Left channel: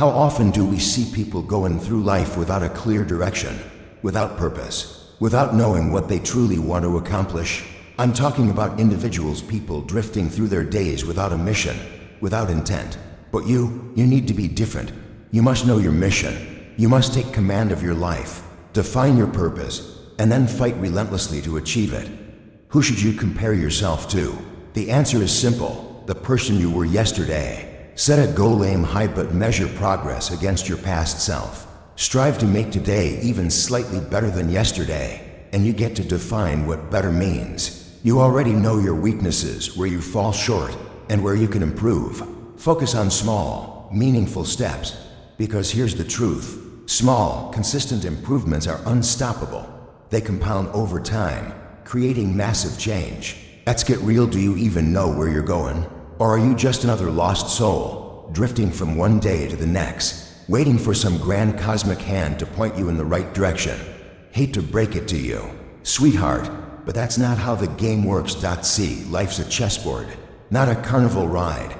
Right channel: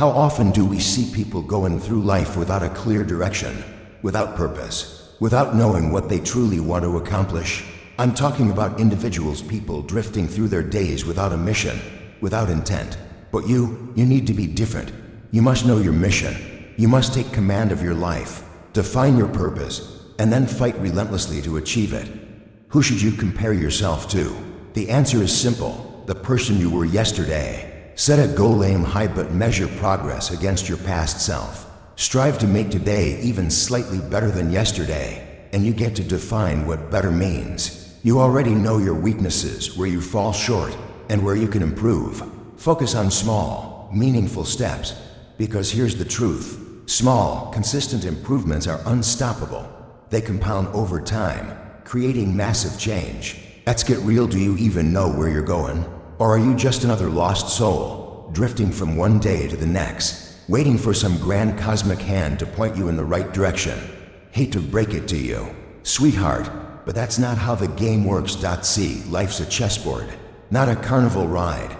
How often do we see people going through life without a clear direction, without purpose, without knowing what they truly want to accomplish? I'm talking about individuals, people drifting through their days without a mission, without intent. But you need to be different. You must know your mission. You must take command of your life, define your purpose, and then fight relentlessly to achieve it. Who should you compare yourself to? The answer is simple: the person you were yesterday. Set a goal, aim high, but measure progress against your past self. Strive to make today even slightly better than yesterday, and you get to define what better means. You already know your weaknesses, where you fall short, and where you can improve. Focus on small, meaningful steps, because here's the truth. Small, consistent improvements are unstoppable. They compound over time, creating massive change. Let's get real. Do you even know where you're going? Or are you just another lost soul, drifting from one day to the next, waiting for some grand cosmic hand to point you in the right direction? Hate to break it to you, sweetheart, but that's not how the game works. See, life's a chessboard, not a carnival ride.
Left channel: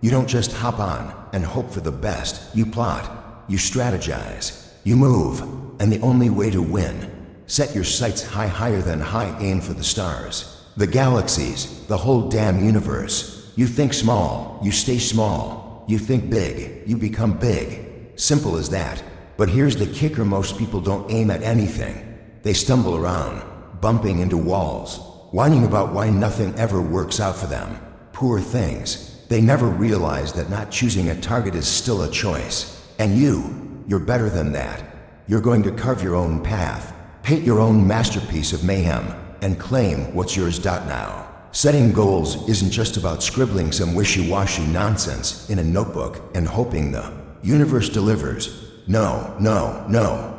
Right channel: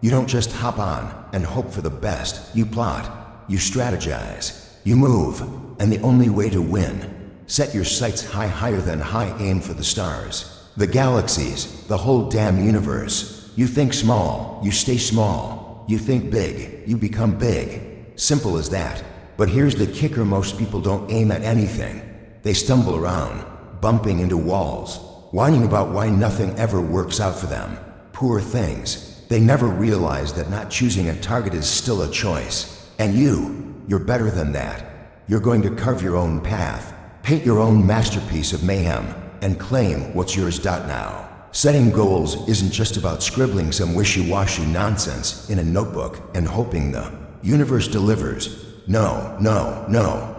You don't just hop on and hope for the best. You plot, you strategize, you move, and the only way to win: set your sights high, higher than high, aim for the stars, the galaxies, the whole damn universe. You think small, you stay small. You think big, you become big. Simple as that. But here's the kicker: most people don't aim at anything. They stumble around, bumping into walls, whining about why nothing ever works out for them. Poor things. They never realize that not choosing a target is still a choice. And you're better than that. You're going to carve your own path, paint your own masterpiece of mayhem, and claim what's yours. Now, setting goals isn't just about scribbling some wishy-washy nonsense in a notebook and hoping the universe delivers. No,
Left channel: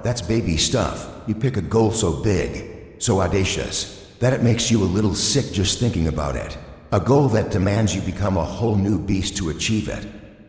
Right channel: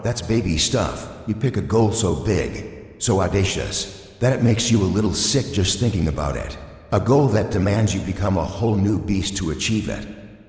that's baby stuff. You pick a goal so big, so audacious, that it makes you a little sick just thinking about it. A goal that demands you become a whole new beast to achieve it.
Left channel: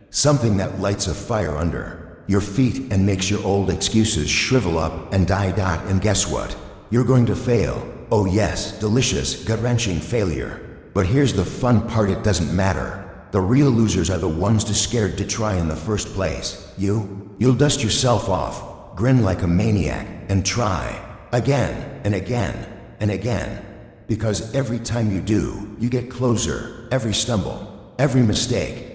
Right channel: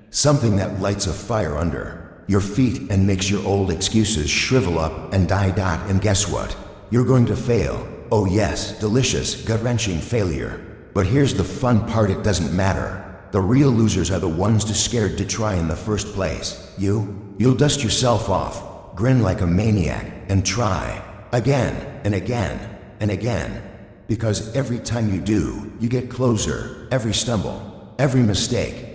Something that lights a fire under your feet and makes your old excuses shrivel up and die. And guess what? You're going to fail. Oh yes, delicious, gut-wrenching failure. But here's the fun part: it doesn't matter. The real losers are the ones too scared to try in the first place. You'll dust yourself off, grin like a maniac, and try again and again and again. Because every time you do, you get closer. Every stumble, every mistake,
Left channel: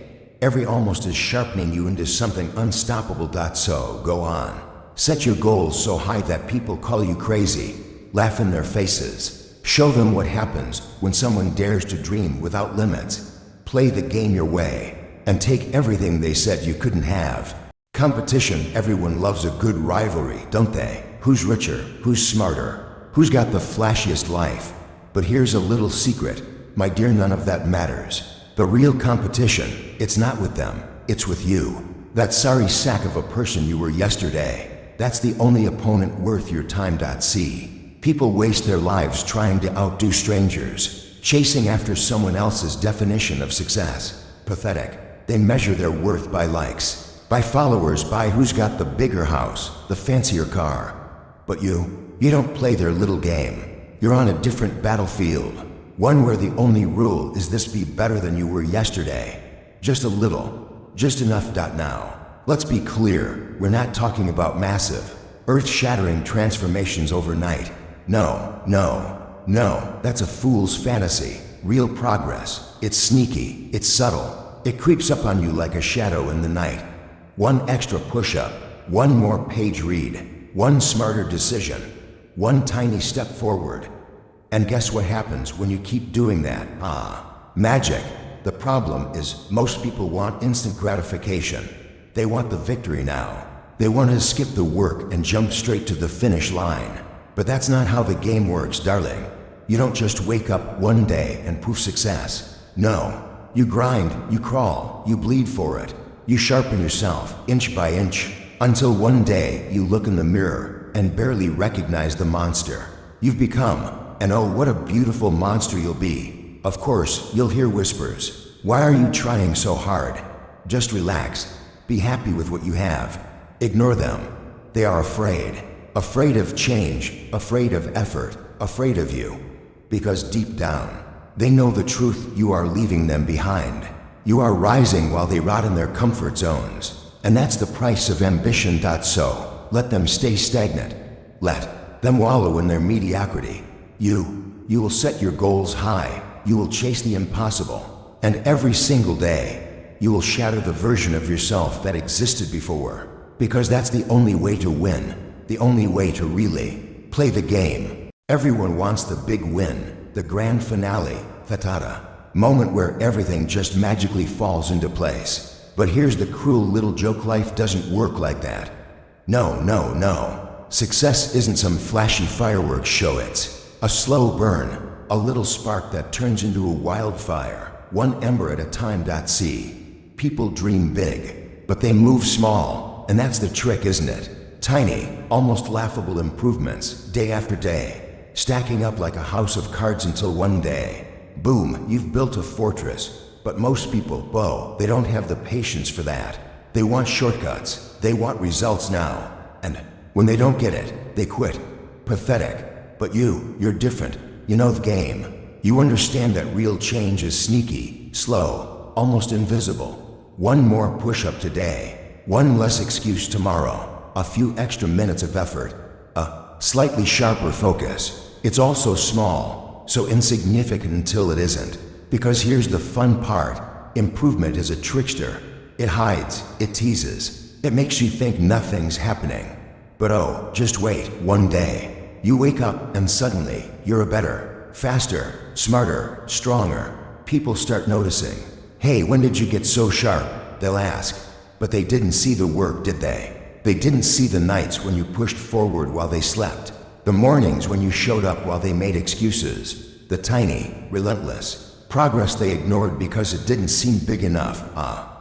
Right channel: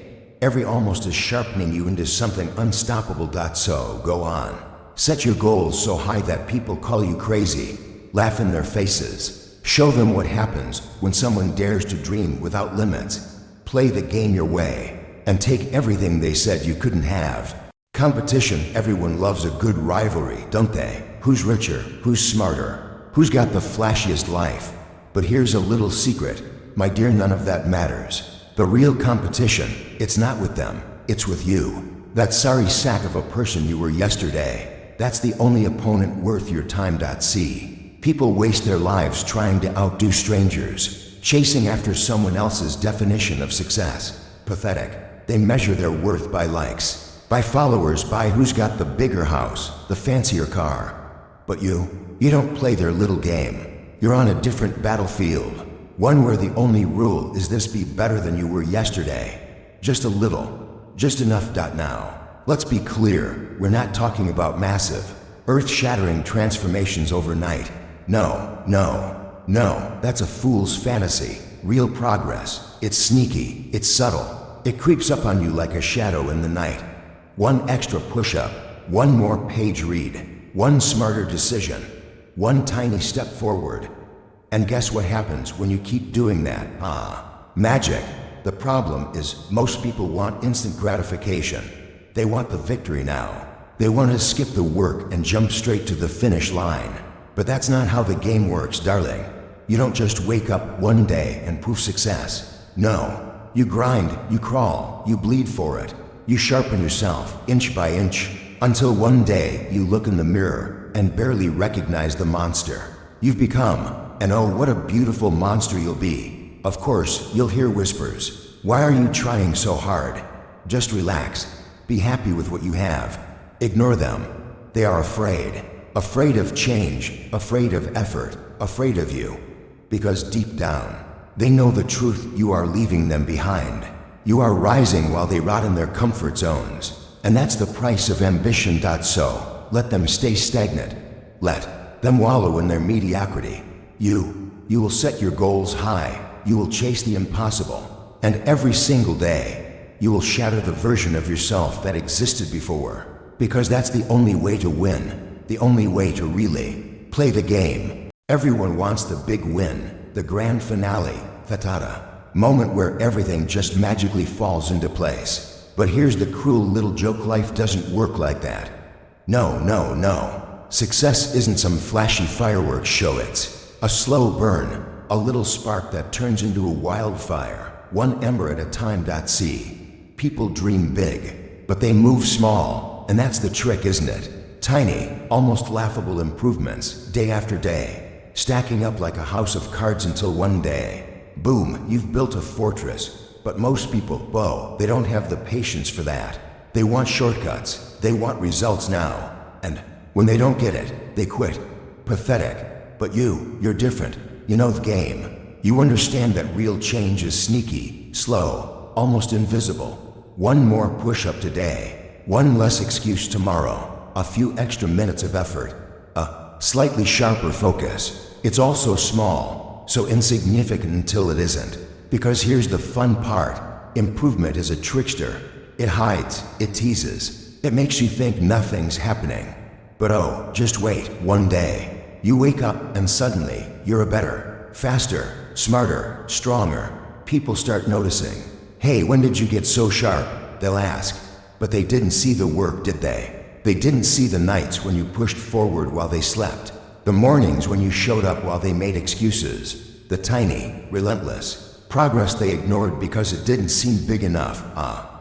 every almost is sharpening you into something unstoppable. So go on. Set your goals so high that people call you crazy. Laugh in their faces. Show them what happens when someone dares to dream without limits. Play the game your way, and take everything they said you couldn't have. Competition. Everyone loves a good rivalry, don't they? Who's richer? Who's smarter? Who's got the flashiest life? But here's a little secret, my dear, none of that matters. The real competition, it's not with them, it's with you. That sorry sack of a person you were yesterday. That's the only opponent worth your time. See, people waste their lives trying to outdo strangers, chasing after someone else's definition of success. Pathetic. They measure their worth by likes, by followers, by who's got the bigger house, the fancier car. But you don't play their little game. You're on a different battlefield, one where the only rule is this: be better than you were yesterday. Just a little, just enough. Now, let's be clear, we're not talking about massive, earth-shattering transformations overnight. No, that's a fool's fantasy. Real progress, it's sneaky, it's subtle. It creeps up on you like a shadow in the night. One extra push-up, one more page read, one smarter decision, one tiny step forward. And guess what happens when you keep doing that? Magic. The problem is, most people want instant gratification. They want the victory now. They want to skip the work and jump straight to the finish line. But that's not how the game works, darling. You don't just wake up one day and poof, success. No, you grind, you crawl, you bleed for it. You sharpen yourself, inch by inch, until one day you look in the mirror and barely recognize the monster you've become. And oh, what a beautiful monster you'll be. Of course, you'll hear whispers. Why are you trying so hard? Just relax. Be happy with what you have. Ignore them. They are afraid. Afraid of change, afraid of effort, afraid of you. Because deep down, they know the truth: you are leaving them behind. You are rising while they rot in their comfort zones, And that's the price of ambition. So, let them stay stagnant. Let them wallow in their mediocrity. You will set your goals high. You will chase the impossible. And every single day, you will shatter the version of yourself that existed before. Because that's the only way to win. The only way to really play the game. Everyone wants the big win, the grand finale, fatata, moment where everything just magically falls into place. But here's the cruel little joke: life doesn't work like that. No. Success isn't some flashy fireworks show. It's a slow burn, a little spark that turns into a wildfire, one ember at a time. See, people dream big, but they move small, and that's the trick, isn't it? Tiny, almost laughable improvements, day after day, stacking up like a house of cards until one day, boom, you've built a fortress. But most people, they don't have the patience for that. They want shortcuts. They want results now. And when they don't get it, they quit. Pathetic. But you're different. You know the game. You understand that real change is sneaky, slow, almost invisible. One more push-up today. One less excuse tomorrow. A few extra minutes of effort. A slightly sharper focus. It's all so small, so insignificant until it isn't. Because here's the fun part. Improvement is a trickster. It hides, it teases, it makes you think nothing's happening. But just wait, one day, you wake up and suddenly, you're a better, faster, smarter, stronger. People start noticing. Hey, when did you get so sharp? They'll ask. But they didn't see the work, did they? They didn't see the nights when you pushed forward while they slept. The mornings when you showed up while they made excuses. The tiny, relentless progress they ignored because it didn't seem big enough.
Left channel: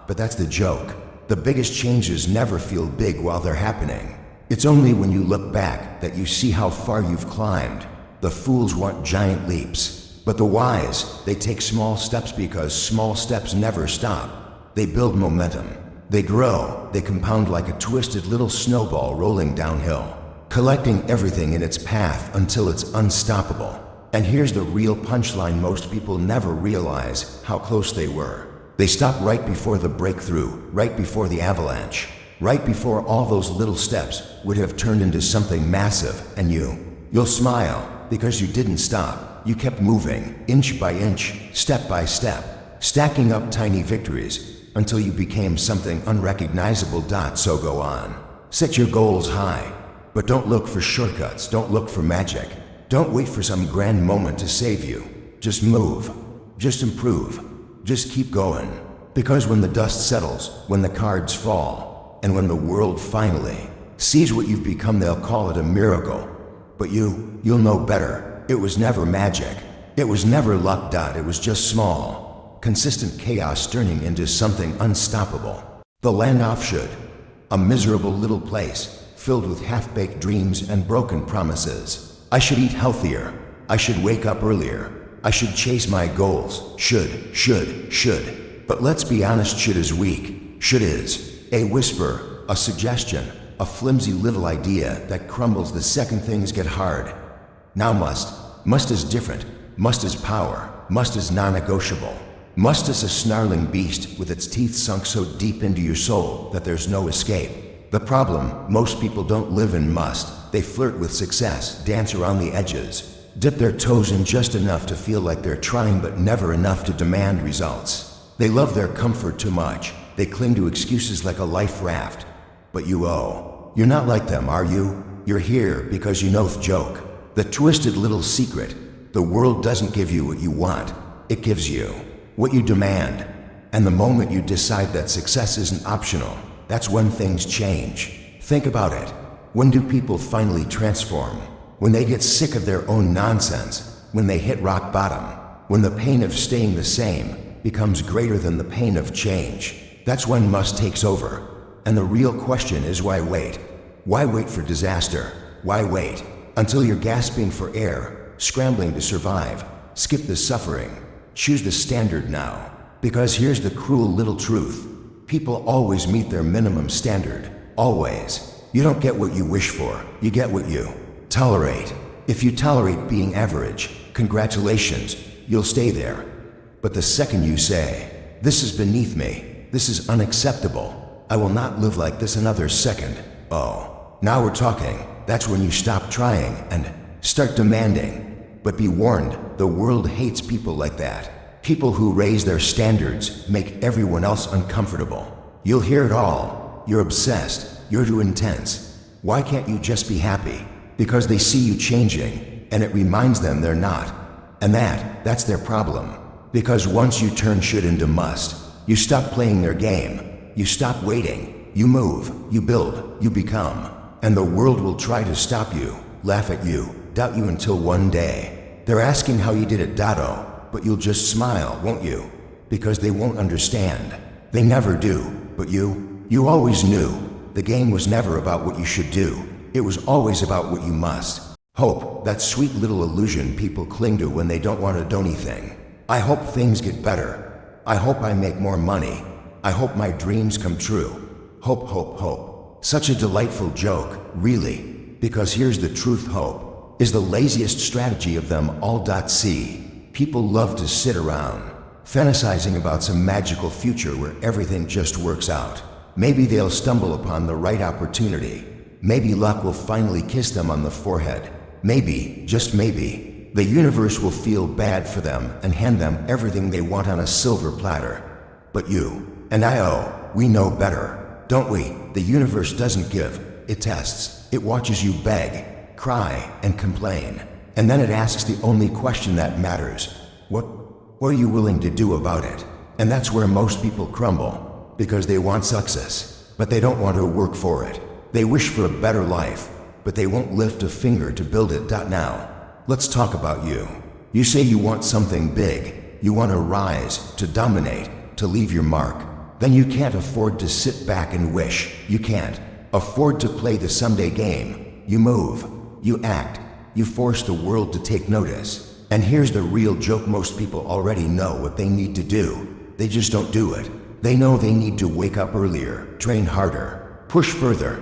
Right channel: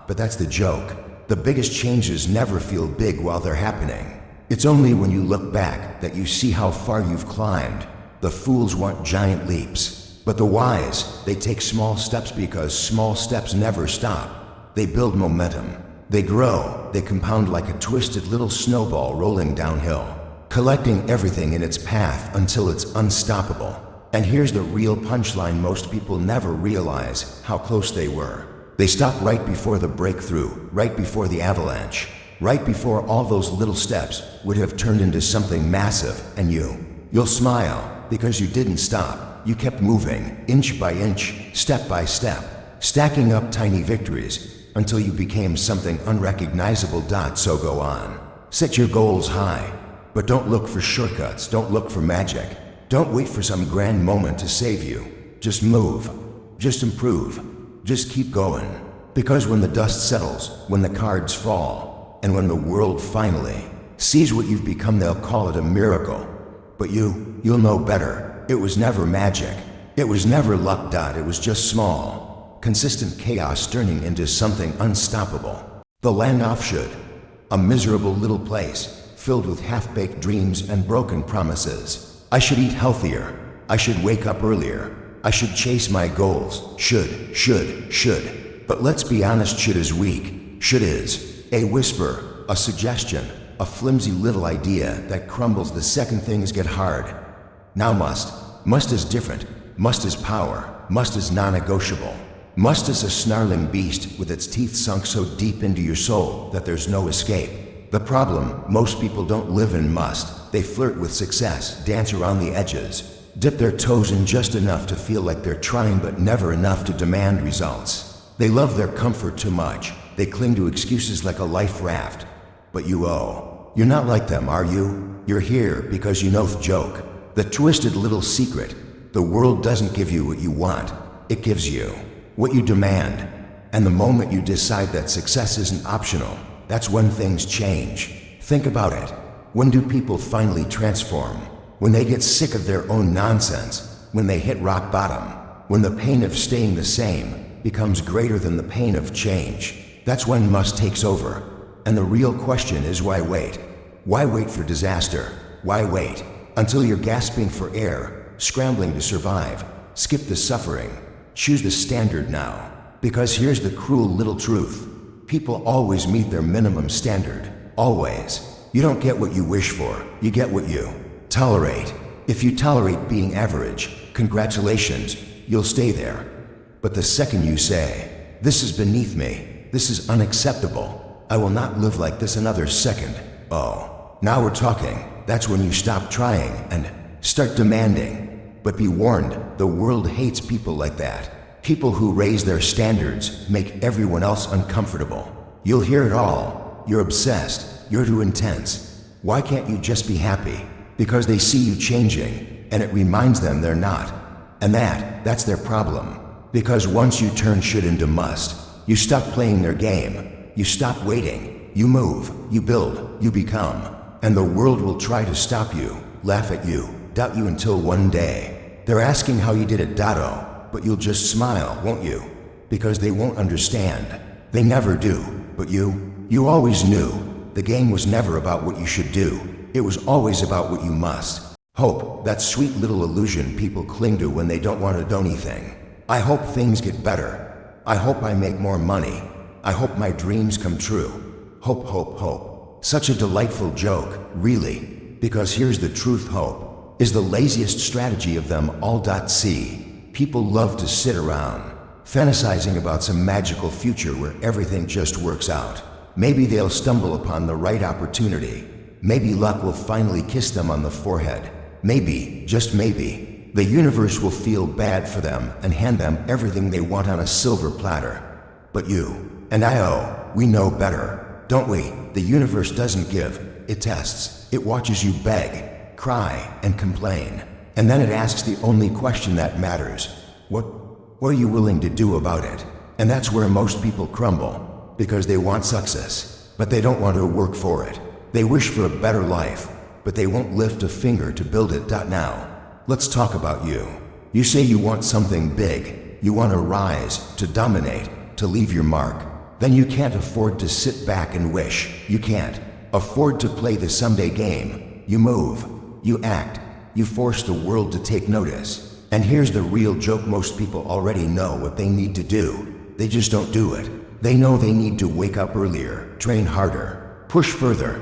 But that's the joke. The biggest changes never feel big while they're happening. It's only when you look back that you see how far you've climbed. The fools want giant leaps, but the wise, they take small steps because small steps never stop. They build momentum. They grow. They compound like a twisted little snowball rolling downhill, collecting everything in its path until it's unstoppable. And here's the real punchline: most people never realize how close they were. They stop right before the breakthrough, right before the avalanche, right before all those little steps would have turned into something massive. And you'll smile because you didn't stop. You kept moving, inch by inch, step by step, stacking up tiny victories until you became something unrecognizable. So go on. Set your goals high, but don't look for shortcuts. Don't look for magic. Don't wait for some grand moment to save you. Just move. Just improve. Just keep going. Because when the dust settles, when the cards fall, and when the world finally sees what you've become, they'll call it a miracle. But you'll know better. It was never magic. It was never luck. It was just small, consistent chaos turning into something unstoppable. The land off should. A miserable little place, filled with half-baked dreams and broken promises. I should eat healthier. I should wake up earlier. I should chase my goals. Should. But let's be honest, should is weak. Should is a whisper, a suggestion, a flimsy little idea that crumbles the second things get hard. Now must is different. Must is power. Must is non-negotiable. Must is a snarling beast with its teeth sunk so deep into your soul that there's no escape. The problem, most people don't live in must. They flirt with success, dance around the edges, dip their toes in just enough to feel like they're trying but never enough to demand results. They love their comfort too much. They cling to excuses like a life raft. But you're not like them, are you? You're here because you know the joke. The twisted little secret. The world doesn't give you what you want. It gives you what you demand. And the moment you decide that success isn't optional, that's when things change. Think about it. When do people finally transform? When they get sick of their own nonsense. When they hit rock bottom. When the pain of staying the same becomes greater than the pain of change. That's when must takes over. And the real question is, why wait? Why wait for disaster? Why wait until you're gasping for air, scrambling to survive? Skip the suffering. Choose the standard now. Because here's the cruel little truth. People always meet their minimum standard. Always. You don't get what you wish for. You get what you tolerate. If you tolerate being average, congratulations, you'll stay there. But the second you say, this is beneath me, this is unacceptable, I will not live like this another second. Oh, now we're talking. That's when you stop trying and start demanding. But be warned, the world hates people like that. People who raise their standards, make everyone else uncomfortable. You'll hear it all. You're obsessed. You're too intense. Why can't you just be happy? Because they see you changing, and it reminds them they're not. And that's their problem. Because once you turn should into must, you stop playing their game. You stop waiting. You move. You build. You become. And the world will try to stop you, laugh at you, doubt you until one day they're asking how you did it, Dotto, but you'll just smile, won't you? Because they won't understand. They never do. But you always knew. The game was never about what you should do. It was always about what you must. Hope, that sweet little illusion people cling to when they don't want to do anything. I hope things get better. I hope I make more money. I hope my dreams come true. Hope, hope, hope. Such a delightful joke, really. Because here's the truth, hope is the laziest strategy of them all. See, people love to sit around, fantasizing about some magical future where everything just works out. Maybe they'll stumble upon the right opportunity. Maybe luck will finally kiss them on the forehead. Maybe, just maybe, the universe will feel bad for them and hand them everything they want on a silver platter. But you and we know better, don't we? The universe doesn't give, it tests. It watches you beg, cry, and complain. And then it asks the only question that matters. What are you willing to do about it? And that's where most people crumble, because they want success, but they don't want to work for it. They wish for a better life, but they won't lift a finger to build it. Now, let's talk about you. You say you want something big. You want to rise, to dominate, to leave your mark. Then you can't afford to sit back and wish. You can't afford to play the someday game. You move, you act, you force the world to take notice. And here's the real joke: most people already know what they need to do. They just don't do it. They know they need to wake up earlier, train harder, push further.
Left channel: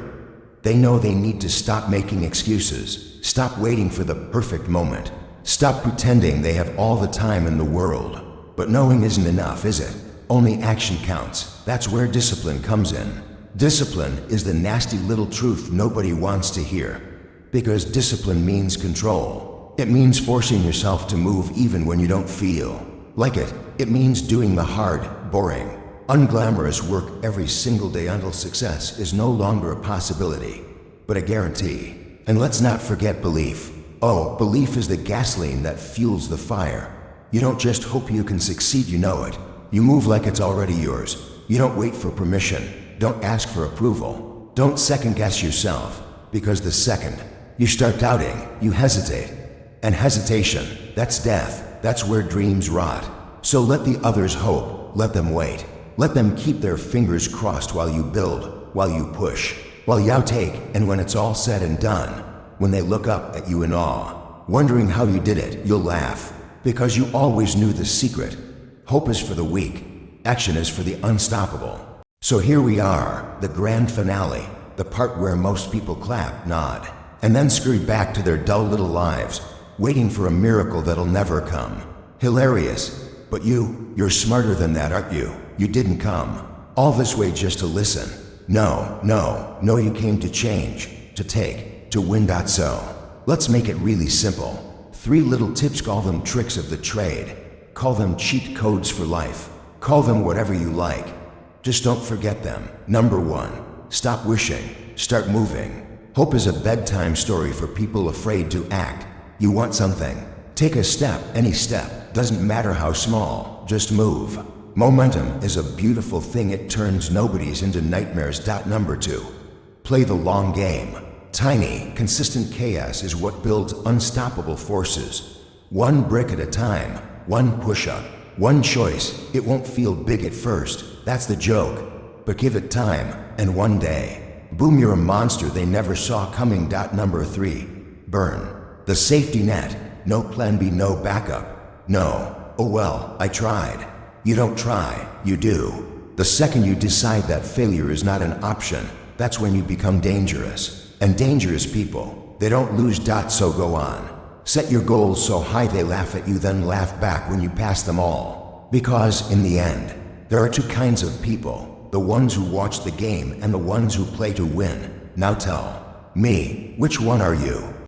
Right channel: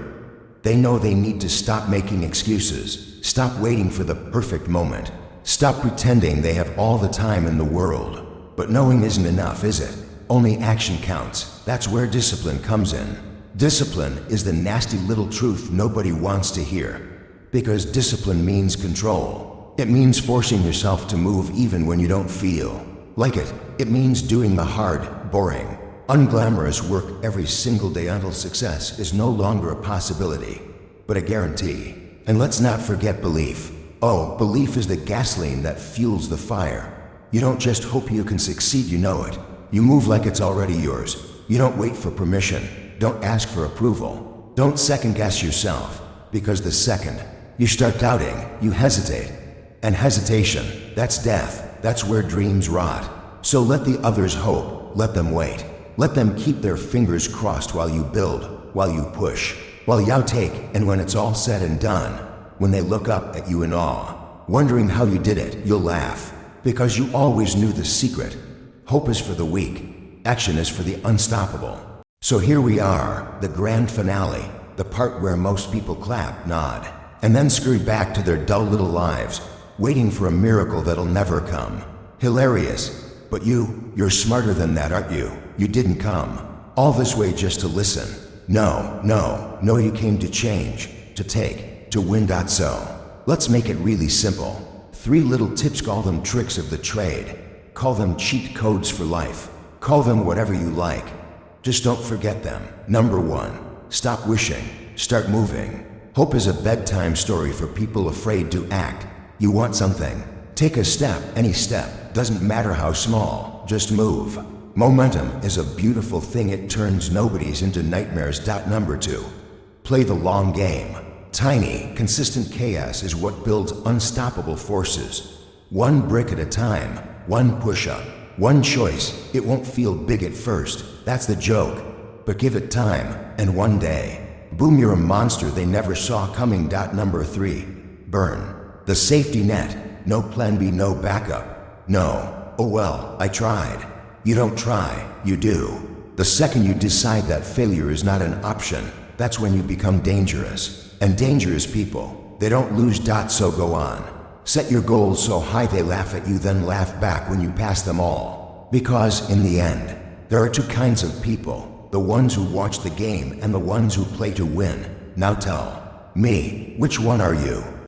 They know they need to stop making excuses, stop waiting for the perfect moment, stop pretending they have all the time in the world. But knowing isn't enough, is it? Only action counts. That's where discipline comes in. Discipline is the nasty little truth nobody wants to hear. Because discipline means control. It means forcing yourself to move even when you don't feel like it. It means doing the hard, boring, unglamorous work every single day until success is no longer a possibility, but a guarantee. And let's not forget belief. Oh, belief is the gasoline that fuels the fire. You don't just hope you can succeed, you know it. You move like it's already yours. You don't wait for permission. Don't ask for approval. Don't second guess yourself. Because the second you start doubting, you hesitate. And hesitation, that's death. That's where dreams rot. So let the others hope. Let them wait. Let them keep their fingers crossed while you build, while you push, while you outtake. And when it's all said and done, when they look up at you in awe, wondering how you did it, you'll laugh. Because you always knew the secret. Hope is for the weak. Action is for the unstoppable. So here we are, the grand finale, the part where most people clap, nod, and then scurry back to their dull little lives, waiting for a miracle that'll never come. Hilarious. But you're smarter than that, aren't you? You didn't come all this way just to listen. No, you came to change, to take, to win. So let's make it really simple. 3 little tips, call them tricks of the trade. Call them cheat codes for life. Call them whatever you like. Just don't forget them. Number 1, stop wishing, start moving. Hope is a bedtime story for people afraid to act. You want something? Take a step, any step, doesn't matter how small, just move. Momentum is a beautiful thing, it turns nobodies into nightmares. Number 2, play the long game. Tiny, consistent chaos is what builds unstoppable forces. One brick at a time, one push-up, one choice. It won't feel big at first, that's the joke. But give it time, and one day, boom, you're a monster they never saw coming. Number 3, burn the safety net. No plan B, no backup. No, oh well, I tried. You don't try, you do. The second you decide that failure is not an option, that's when you become dangerous. And dangerous people, they don't lose. So go on. Set your goals so high they laugh at you, then laugh back when you pass them all. Because in the end, there are 2 kinds of people. the ones who watch the game and the ones who play to win. Now tell me, which one are you?